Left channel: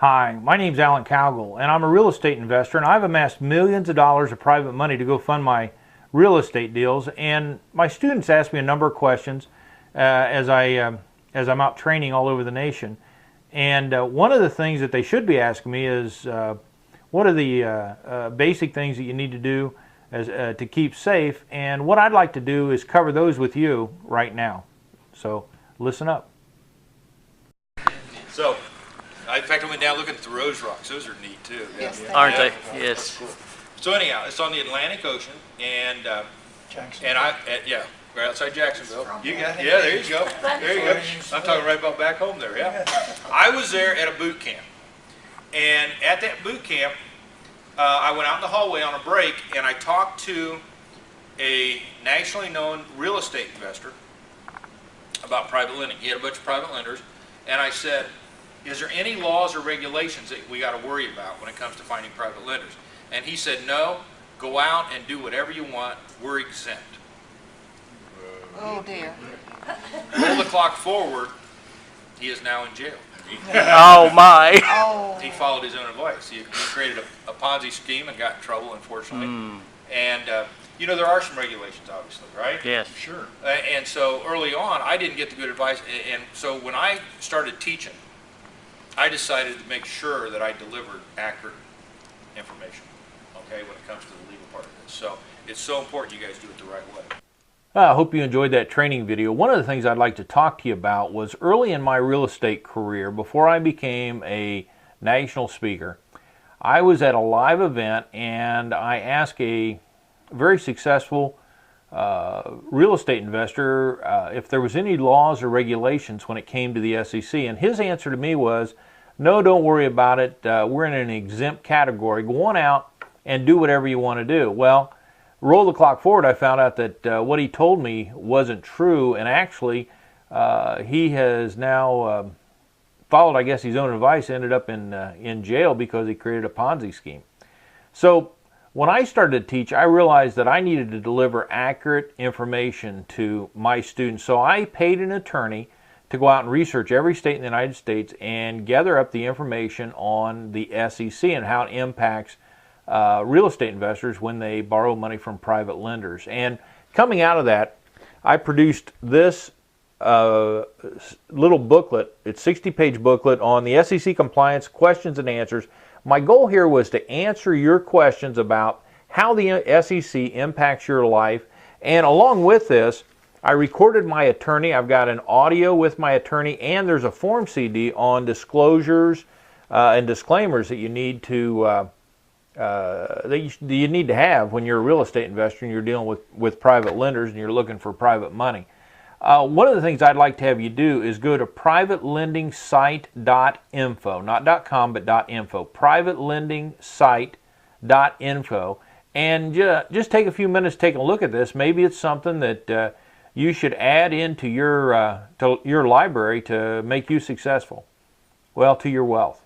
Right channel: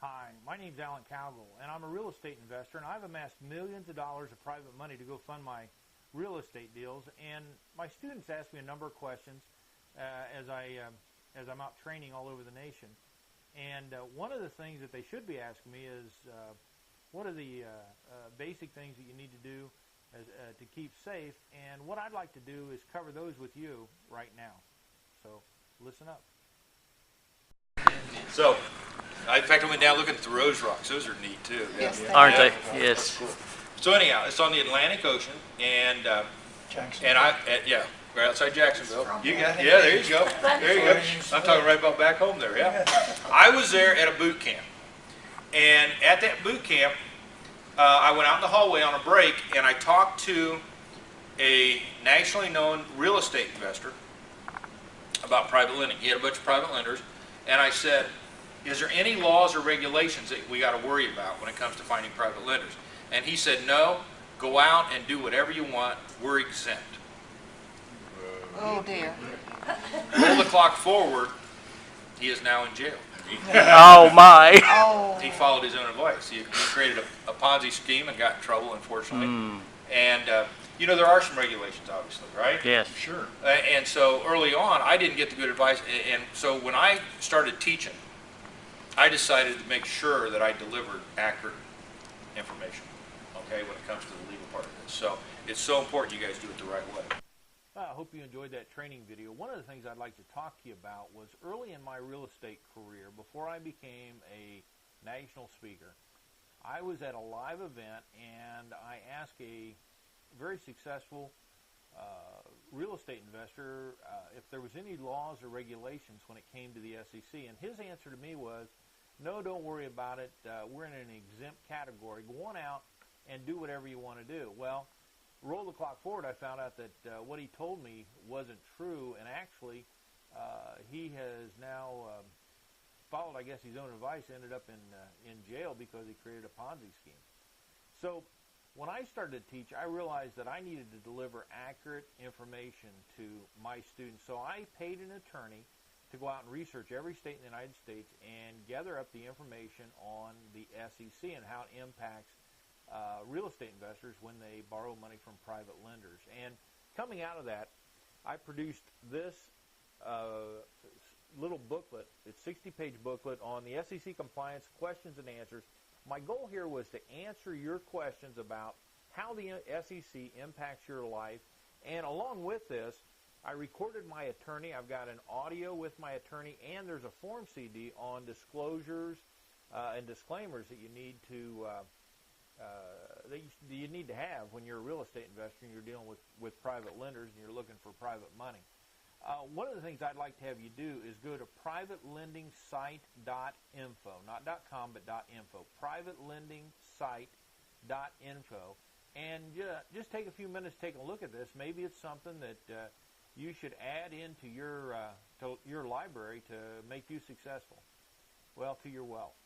Hi, my name's Alan Cowgill, and I'm a real estate investor, and I've amassed millions of dollars of private money to go fund my real estate deals. And my students ask me a number of questions as I'm out training all over the nation. And one of the things that they should be asking me is, what are the basic things that you need to do to keep safe? And what I'd like to do is cover those with you right now. So listen up. So, in fact, I went down looking at the Rose Rocks. Those are neat too. Yes, Yeah. aren't Yeah. they? Yes. Cool. So anyhow, it's on the Atlantic Ocean, and yeah, right outside Jacksonville. You got it. Yeah, there you go. There you go. I'm talking right about back home there. Yeah. I was there at a boot camp, and at that boot camp, I went out in the hallway on a break, and I talked to a nationally known real estate investor about private lending. He had a bunch of private lenders, and I said, is there any laws or regulations that we got to worry about when it comes to finding private lenders? And he said, no, go out and do whatever you want. We're exempt. Oh dear. Roll the clock forward. He is now in jail. Oh my. Oh. He followed his own advice. He created a Ponzi scheme and got in trouble, unfortunately. And you know, there are some regulations, obviously, right? Yes. Sure. And so early on, I didn't get the good advice. And so when I started teaching, I decided to make sure that I delivered accurate information, okay, when it comes to the legal part of this. So it's so important you guys do it the right way. I hope you enjoyed that training video. One of the things I'd like to talk to you about was early in my real estate career, before I became a national speaker, I was at a live event and I asked a very successful real estate investor if there was any laws or regulations when it came to the SEC, and his answer to me was, no, don't worry about it. We're in an exempt category. Go on out and do whatever you want to do. Well, roll the clock forward, I found out that what he told me wasn't true, and actually he has now followed, I guess, his own advice, ended up in jail because he created a Ponzi scheme. So when I started to teach, I realized that I needed to deliver accurate information to my students. So I paid an attorney to go out and research every state in the United States and gather up the information on the SEC and how it impacts real estate investors when they borrow money from private lenders. And coming out of that, I produced this little booklet. It's a 60-page booklet on the SEC compliance questions and answers. My goal here was to answer your questions about how the SEC impacts your life, and along with this, I recorded my attorney. I've got an audio with my attorney, and there's a form CD on disclosures and disclaimers that you need to have when you're a real estate investor and you're dealing with private lenders and you're looking for private money. One of the things I'd like to have you do is go to privatelendingsite.info, not .com, but .info, privatelendingsite.info, and just take a few minutes to take a look at this. Maybe it's something that you should add into your library to make you successful, well, to your wealth.